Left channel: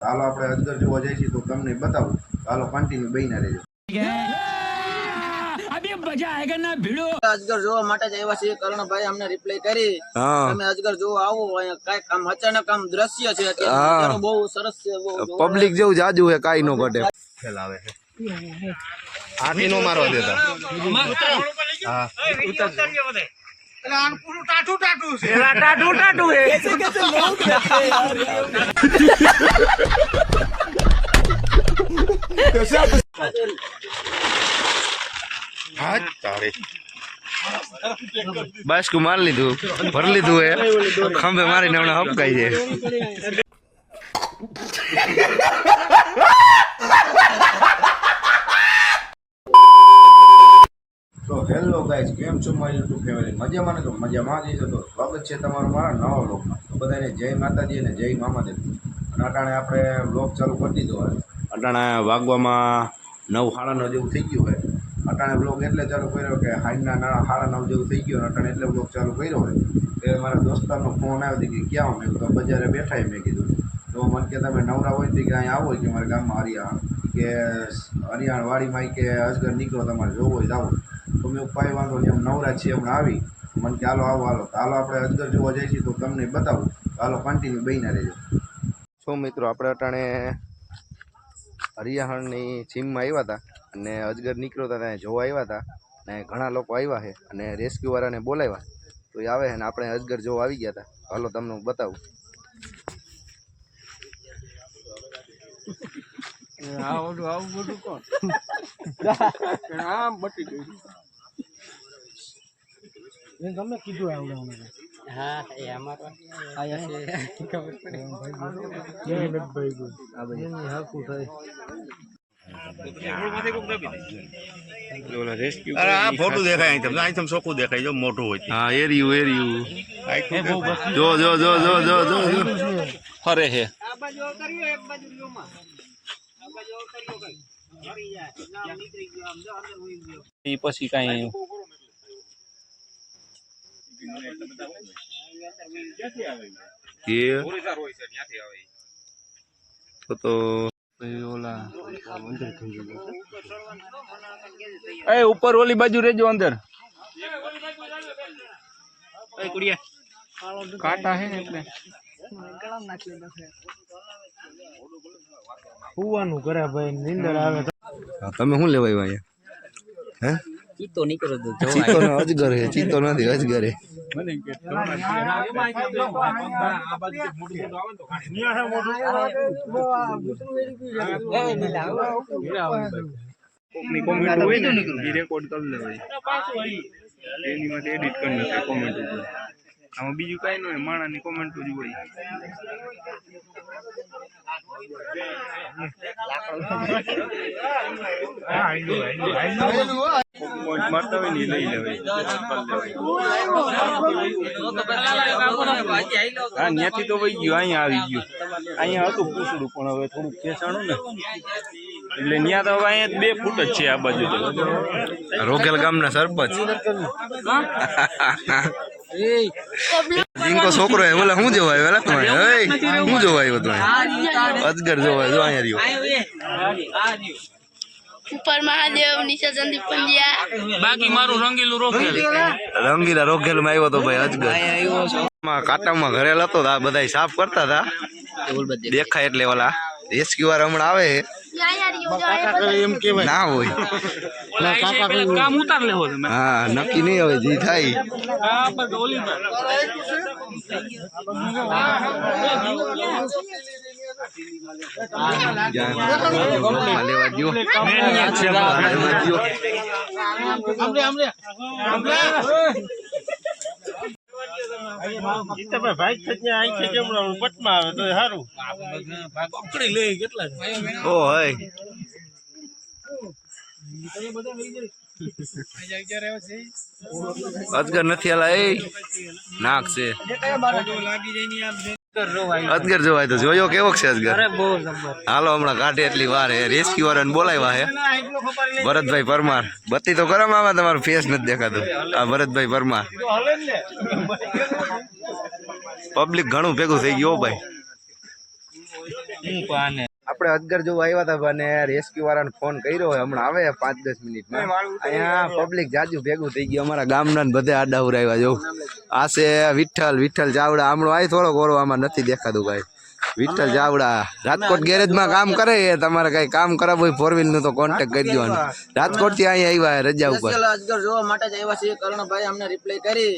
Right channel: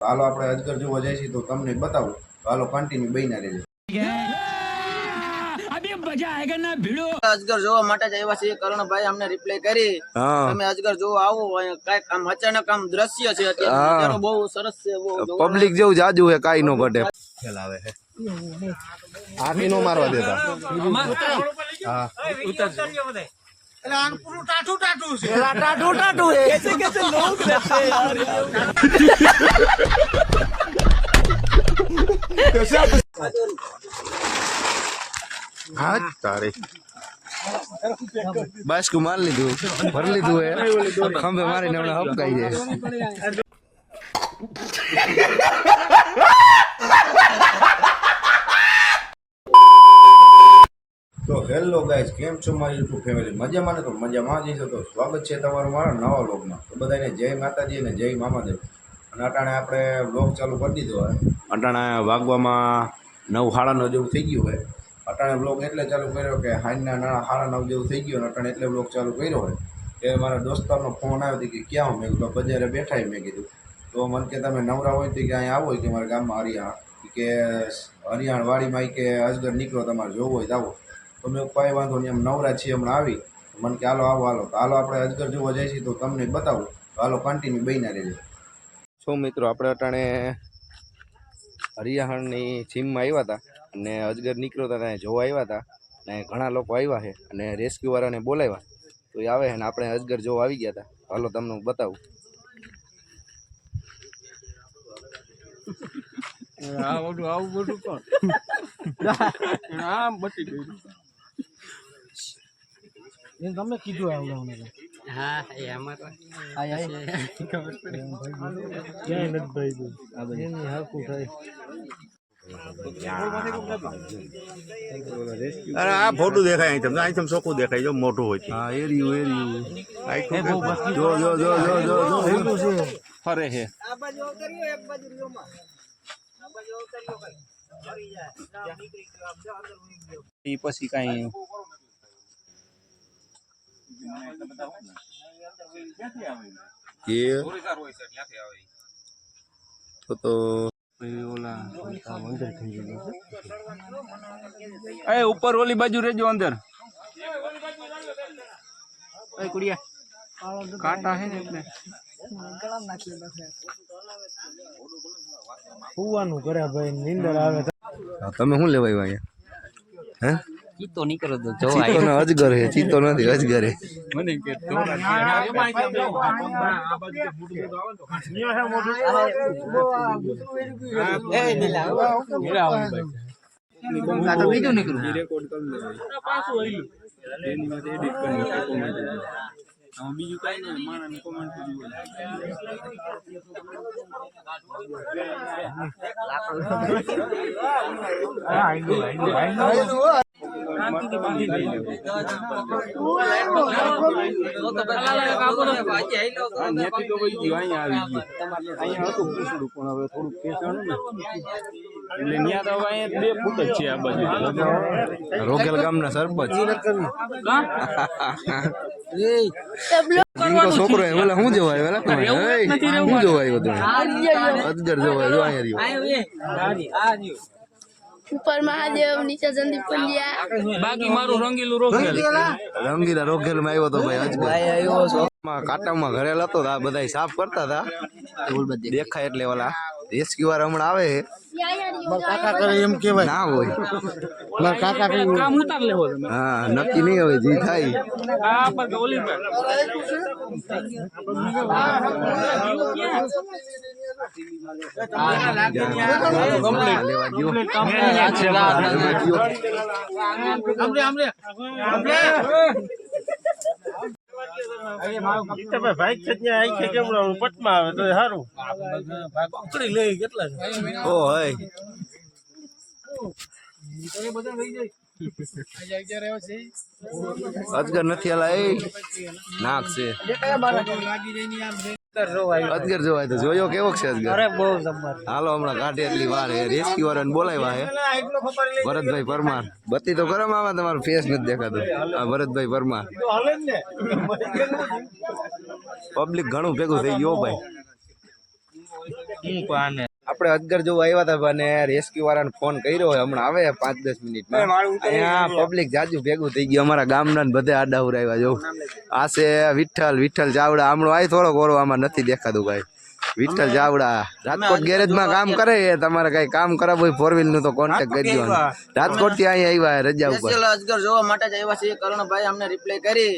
હાલો આપણે અજગર જોવા જઈશું તો તમને બતાવું. હાલો કન્ટિન્યુ બહીના રહેજો. अभी मजा आएगा ना भिड़ो. અજગર જોવા માટે જ આવ્યા છીએ. કરણભાઈ અમને રિપ્લાય કરી તમે અજગર જોવા આવો. કઈક આમ અચાનક આમ દ્રશ્ય છે અત્યારે બહુ સરસ છે. પબ્લિક જેવું જાજુ હે, કાઈ નો ઘટે. ફેલાવે હે આથી નો મારવા દેતા. હા ઉતર आन पूरा टाटू टाटू से એલા ટાટુ ટાટુ હે. कैसे कैसे लोग रहते हैं यार હા તારે બસ કુ માર લીધું, ભર લીધું હે. ખંભે મારીને હમણાં હપકાઈ છે. તો હેલો ગાઈઝ, કેમ છો મારી યુટ્યુબ ફેમિલી? મજામાં ને? તો મજામાં જઈશો તો સ્વાગત છે તમારું મારા નવા વ્લોગમાં. તો બધાને જય માતાજી અને જય મામાદેવ. અને અટાણે આપણે વ્લોગ ચાલુ કરી દીધો હોય. અટાણે વાગવામાં 9:30 જેવું થઈ ગયું હોય. અટાણે વ્લોગ એટલે ચાલુ કર્યો કે હાઈના 9:30 જેવું થઈ ગયું. અટાણે એટલે વ્લોગ ચાલુ કર્યો હોય કે મારા દોસ્તારનો ફોન આવ્યો હતો કે ક્યાં મેં કીધું બજારે બેઠા મેં કીધું. તો મને કે તમે નવરા હોય તો કે અહીંયા આવો કે મારા ગામમાં હરિયાણ કે હરિયાણ વાડીમાં કે અજગર નીકળો તમારે જોવો હોય તો આવો. તો મેં પાઈ વાંધો નહીં, એમ નવરા છીએ હમણાં આવી. મને કે હાલો આવો હાલો. તો હાલો આપણે અજગર જોવા જઈશું તો તમને બતાવું. તો હાલો કન્ટિન્યુ બહીના રહેજો. શું મિત્રો, આપણે અટાણે હરિયાણની સીમમાં આવ્યા હતા અને અજગર નીકળ્યો હતા ત્યાં જોવા આવ્યા હતા. અને ઘણા લોકો આવ્યા છે અને રેસ્ક્યુવાળાને બોલાવ્યા તો એ આવે છે ને આપણે અજગર જોવા આવી ગયા હતા. હાલો તમને હું બતાવું. આવું બધું કોણ આમ બટી ગયું એ તમે કીધું આવ્યું. હા એ અમારા ખબર પડે ક્યાંય નથી ભાઈ ગયું આ બધી હરકું થાય. આ ફોટો દેખાય અહીં ચોખ્ખું દેખાય જો મોટું હોય. હા એરિયું જો જો જો જો જો જો ફરે છે. પછી કઈ તો ઉપર ઓલી બાજુ રેજો અંદર. કાંટા હે ને એટલે હુવાનું કરે ભાઈ, નીંદર આવે. તમે શું લેવાય અહીંયા? હે ચીતો નીકળો તો ચીતો ને અજગર હે. ચીતો નથી, અજગર હે. મને કે એડિટ કરી કોમેન્ટ. આમાં બીજું કઈ ન હોય, માણાની કોમેન્ટ જ હોય. ત્યાંથી તો વહી ગયું, અહીંયા આવી ગયું. અહીંયા હતું પૂછડું પણ હવે થોડુંક ખેંચાણું ને એટલે ત્યાં તો હવે અહીંયા 2 ફૂટ જ છે આ બાજુ. રોકેલ ગામના સરપંચ જીંકો છોકરો હે. ઓલા શું જોવા આવ્યો? તમે શું જોવા આવ્યો? તમે અજગર જોવા? જો અહીંયા રહ્યો ઉપર મહાદેવ, નીચે સંદીપ પંડ્યા. બાકી મારું રંગીલું રોકેલ. રંગીલા રોકેલ માં આવ્યો તો ભાઈ અજગર. કાંટામાં ઘરેલ હતો આ બધા સાફ કરતા હતા. દેખાય એટલે ઓલા રેસ્ક્યુઅર હમણાં આવે છે ના હોય. કામ ઉતાર લેવો તમે. હા નક્કી નહીં હવે જી થાય. અજગર નથી આલા એ નાક છે. અજગર જોવાય તો જોયો કેવો છે અજગર? હાલો હમણાં કાઢે એટલી વાર હે. રેસ્ક્યુ વાળાને બોલાવ્યા હે. ભરતભાઈ પરમાર. બત્તી તો કરો મામા, તમારું ફેસ નથી દેખાતું. આ ભરતભાઈ પરમાર. પબ્લિક ઘણું ભેગું થઈ ગયું ભાઈ. આપણે અજગર જોવા આવ્યા હતા અને રેસ્ક્યુ વાળાને ફોન કર્યો હોય હમણાં આવે 5-10 મિનિટમાં અહીંયા પબ્લિક જાજુ ભેગું થઈ ગયું અમારા ગામના ને બધે આડા ઉરાવ્યા જો આ છે વિઠ્ઠલ ચાવડા હમણાં આય થોડોક ઓરો આમાં નથી દેખાતું ભાઈ વિઠ્ઠલ ચાવડા રાજકોટ ગેરેજમાં કામ કરે તમારે કઈ કામ કરાવવું હોય 4 વ્હીલ નું તો કોન્ટેક્ટ કરી દેવાનો રાજકોટ થી અહીંયા આવ્યા રજા ઉપર અજગર જોવા માટે જ આવ્યા છે કરણભાઈ અમને રિપ્લાય કરી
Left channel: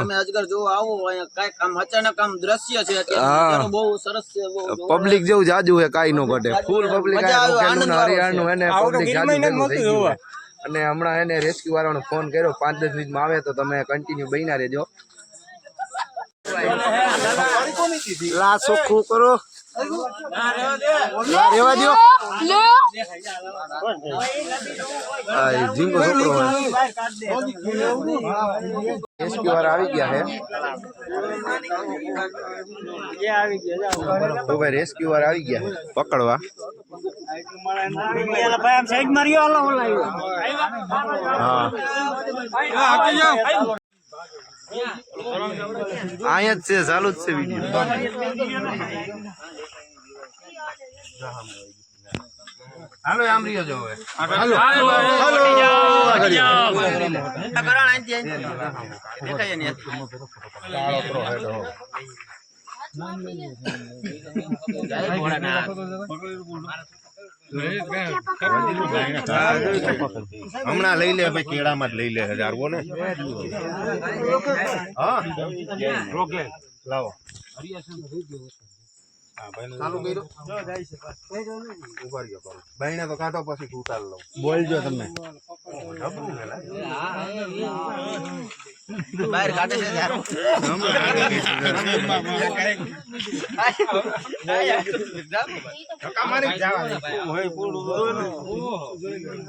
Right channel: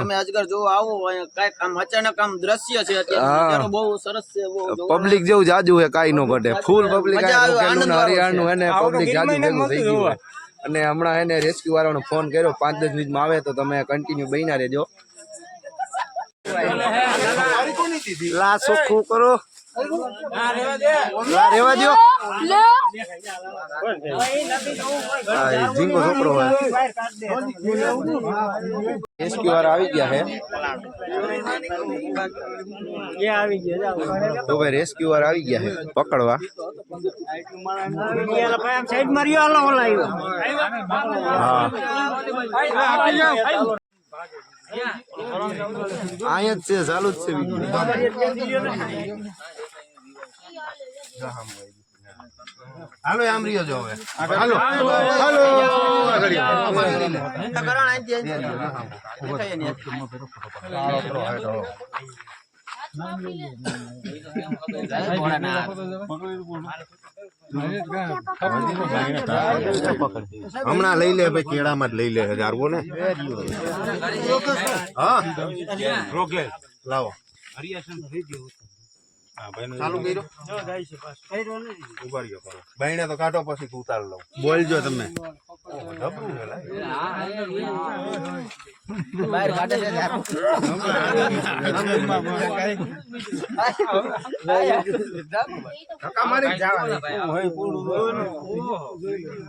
તમે અજગર જોવા આવો કઈ કામ અચાનક આમ દ્રશ્ય છે અત્યારે બહુ સરસ છે પબ્લિક જેવું જાજુ છે કાઈ નો ઘટે ફૂલ પબ્લિક હરિયાણું એને પબ્લિક જાજુ ભેગું થઈ ગયું અને હમણાં એને રેસ્ક્યુ વાળાનો ફોન કર્યો 5-10 મિનિટમાં આવે તો તમે કન્ટિન્યુ બન્યા રહેજો લા ચોખ્ખું કરો લા રેવા દો જીંગો છોકરો હોય રેસ્ક્યુ વાળા આવી ગયા છે તો ભાઈ રેસ્ક્યુ વાળા આવી ગયા છે પકડવા હા અહીંયા જ છે ચાલુ જ છે વિડીયો હાલો આમ રહ્યો જો હવે હાલો હમણાં લઈ લે ભાઈ કેળામાં જ લઈ લે હજારવો ને હા લાવો બહેણા તો કાઢો પછી ઉતાર લો બોલજો તમે બહાર કાઢે છે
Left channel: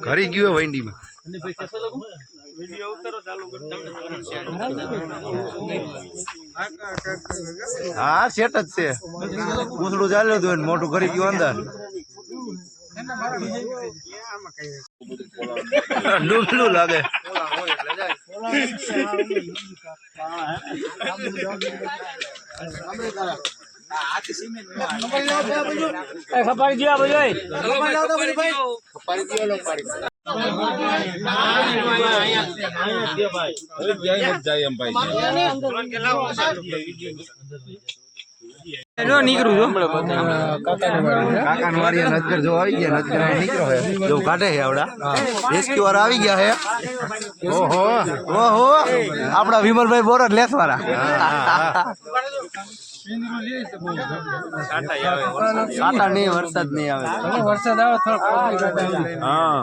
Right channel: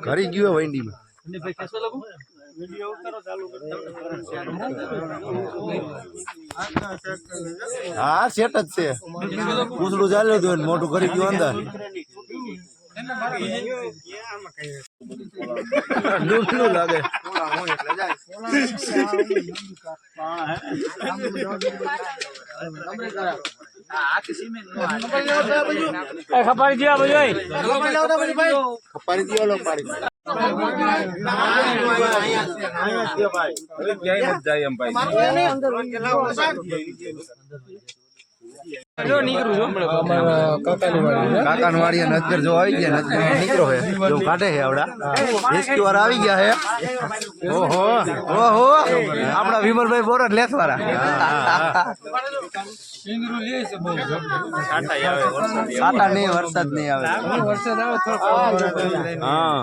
ઘરી ગયો વંડીમાં હા સેટ જ છે પૂછડું ચાલ્યું હતું મોટું કરી ગયું અંદર ડૂબલું લાગે ખબર ગયા ભાઈ કાકાની વાડી નજર જો આવી ગયા નજર નીકળો હે જો કાઢે છે આવડા રેસ્ક્યુ વાળા આવી ગયા હે ઓહો ઓહો આપડા વિમલભાઈ બોરડ લેસ વાળા સાટા નહીં વરસાદ નહીં આવે હા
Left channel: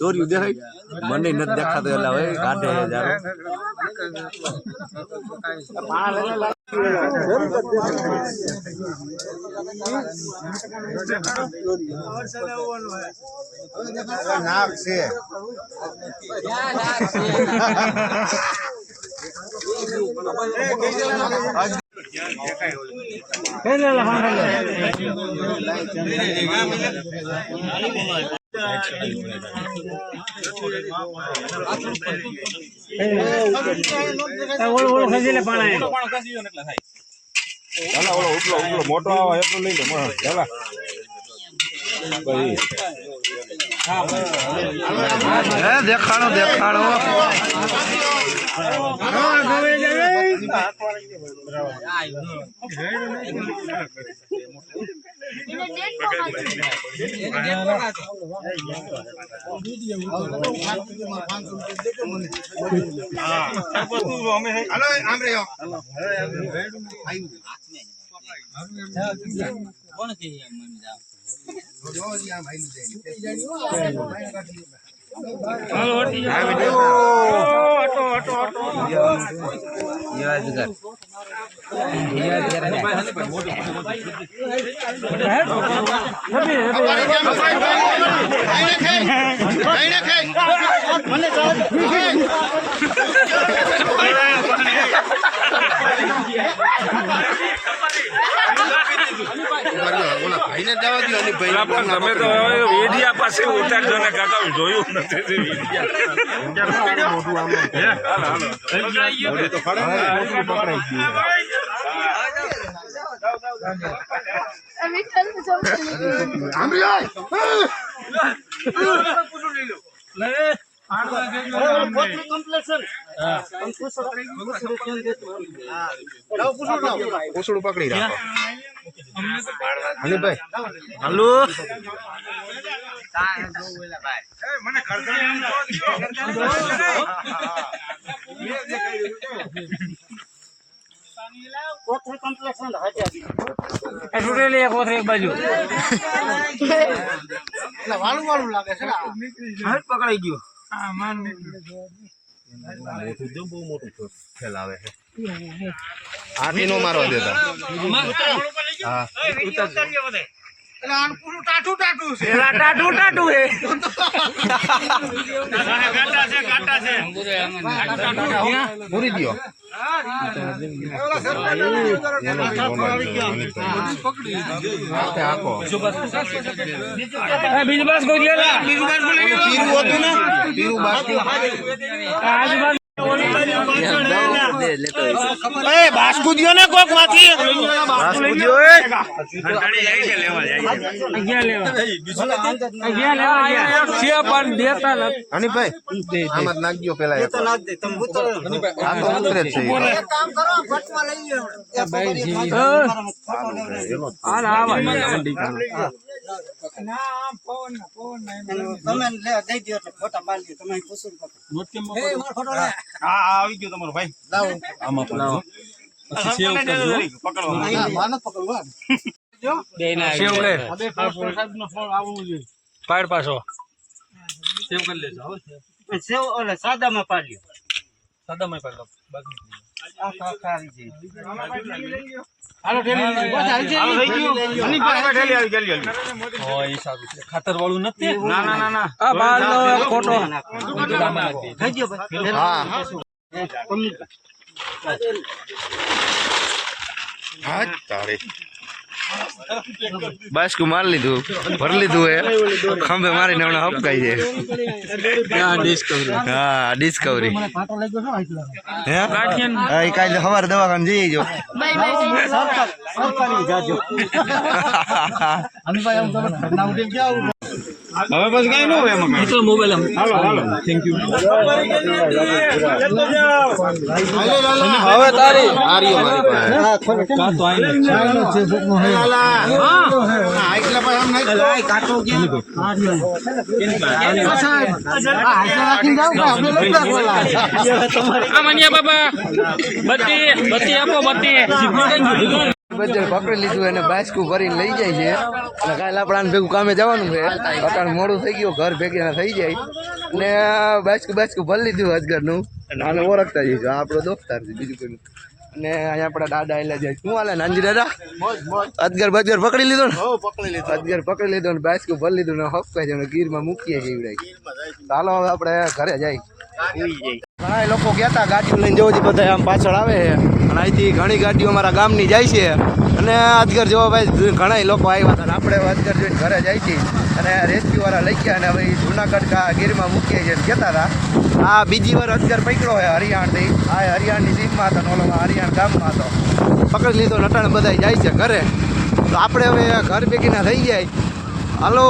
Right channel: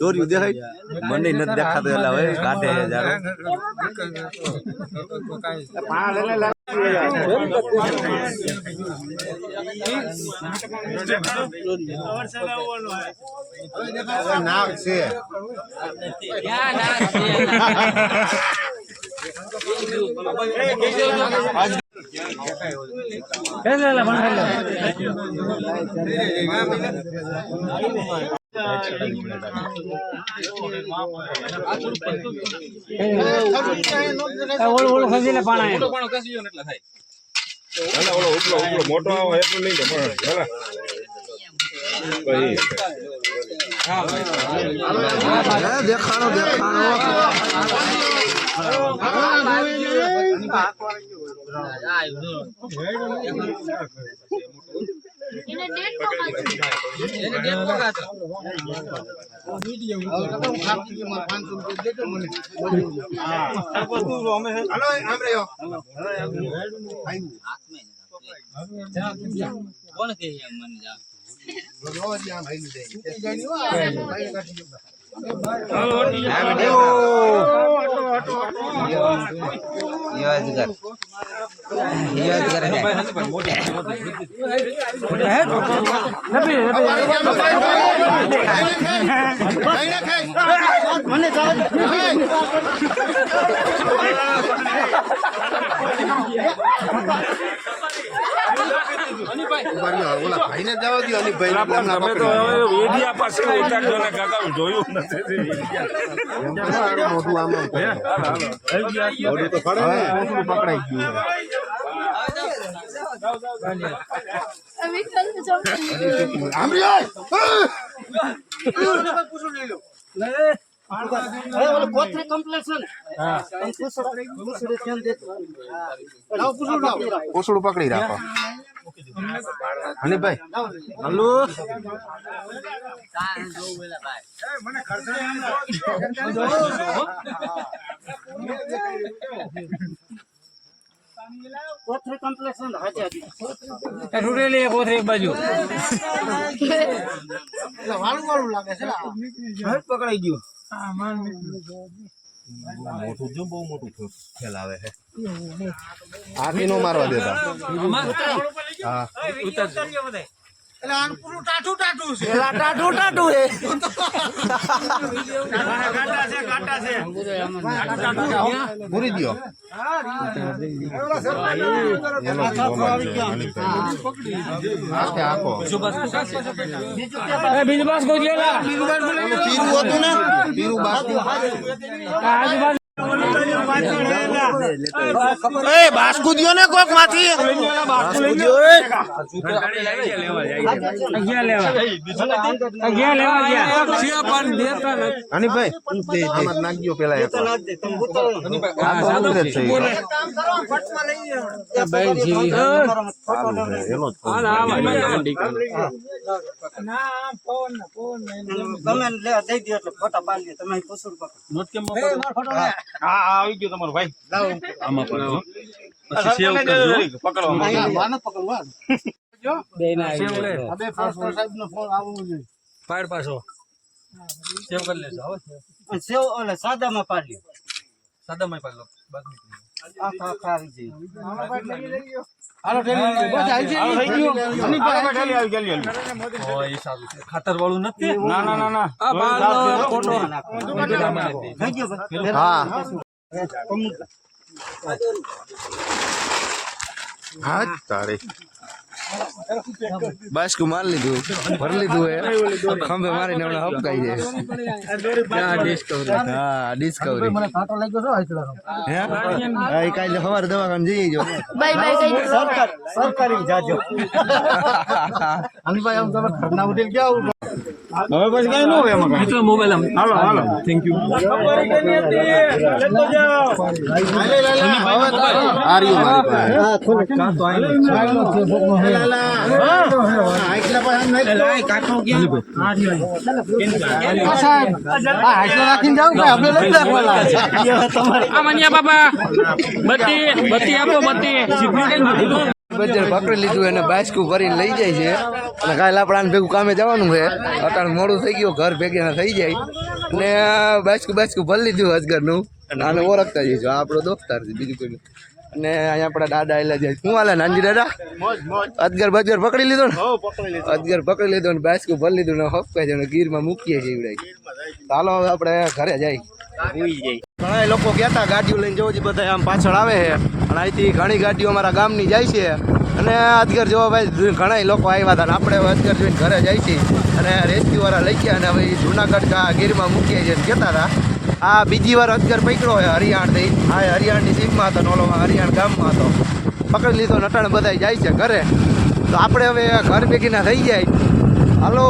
દોર્યું દેખાય મને નથી દેખાતો એટલે હવે કાઢે જારો નાક છે મોટો આવો એટલું લઈ લે દેખાડો દેખાડો તમે તો વેડિયા પાસે ઉતારજો ને કાકા જોયું નથી અમે ખાલી જમવાનું. પૂછડું પકડી રાખો હનીભાઈ હાલો એક બાજુ પકડાઈ ગયું મોટું જો બહુ મોટું ફેલાવે છે આથી નો મારવા દેતા હા પૂરી દો બીજું બાસ કોઈ ગયેલા પીરું હતું ને પીરું બાસ્કુ દિયો ને કોક માંથી બાસ્કુ દિયો હનીભાઈ આમાં નાખજો પેલા આવી ગયો તમારો ભાઈ આમાં પકડજો પછી સેવ કરજો પાડ પાછો સેવ કરી લેજો સેવ ઓલે સાદામાં પાડ્યો સાદામાં પાડ લો ખાતર વાળું નથી બસ કુ માર લીધું ભર લીધું હે ખંભે મારીને હમણાં હપકાઈ જાય હા ડિસ્કવરી હે કાલે સવારે દવાખાને જઈ જો બાય બાય. સરકારી જાજો હનીભાઈ આમ તમે ઘરના ઉઠીને ક્યાં આવું હવે પછી કઈ ન હોય એમાં મિત્રો મોબાઈલ આમ હાલો હાલો થેન્ક યુ હવે તારી આર્યો મારી પાસે કા તો આઈ છે જોકનો હે આઈકલા પર આમ નહીં લાય કાટો ગયા સાહેબ આ હાજર રાખીને જાવ કે આપણે લઈ રાખવાલા આ મનિયા બાબા બત્તી આપો બત્તી બજર પકડી લીધું અને બાસ્કુ ભરીને લઈ જાય છે અને કાલે આપણે આને ભેગું કામે જવાનું છે અટાણ મોડું થઈ ગયું ઘર ભેગી થઈ જાય અને બાસ્કુ ભરી લીધું અજગરનું આને ઓળખતા જઈશું આપણો દોસ્તાર છે બીજું કોઈ અને અહીંયા આપણા દાદા આવેલા જાય શું હાલે નાનજી દાદા અજગર બજગર પકડી લીધો ને અજગર પકડી લીધો ને બાસ્કુ ભરી લીધું ને હપકાઈ જાય ગીરમાં મૂકીએ છીએ ચાલો હવે આપણે ઘરે જાય ઘણા લોકો ગયા હતા ગાડીઓ લઈને જવું છે બધા આમ પાછળ આવે છે અને અહીંથી ઘણી ગાડીઓ અમારા ગામની જાય છે અને અજગર જોવા ભાઈ ઘણા લોકો આવ્યા હતા અને આપણે અજગર જોઈને ઘરે જાય છે અને રેસ્ક્યુવાળા લઈ ગયા અને હવે જુનાગઢ ગીરમાં મૂકીએ છીએ કહેતા હતા આ બીજી વાર અજગર પકડ્યો હોય હરિયાણથી હા હરિયાણની સીમમાં હતો નોલોમાં હરિયાણ ગામમાં હતો પકડી લીધો નટાણે બધા જાય છે ઘરે તો આપણે હવે ઘર ભેગીના થઈ જાય હાલો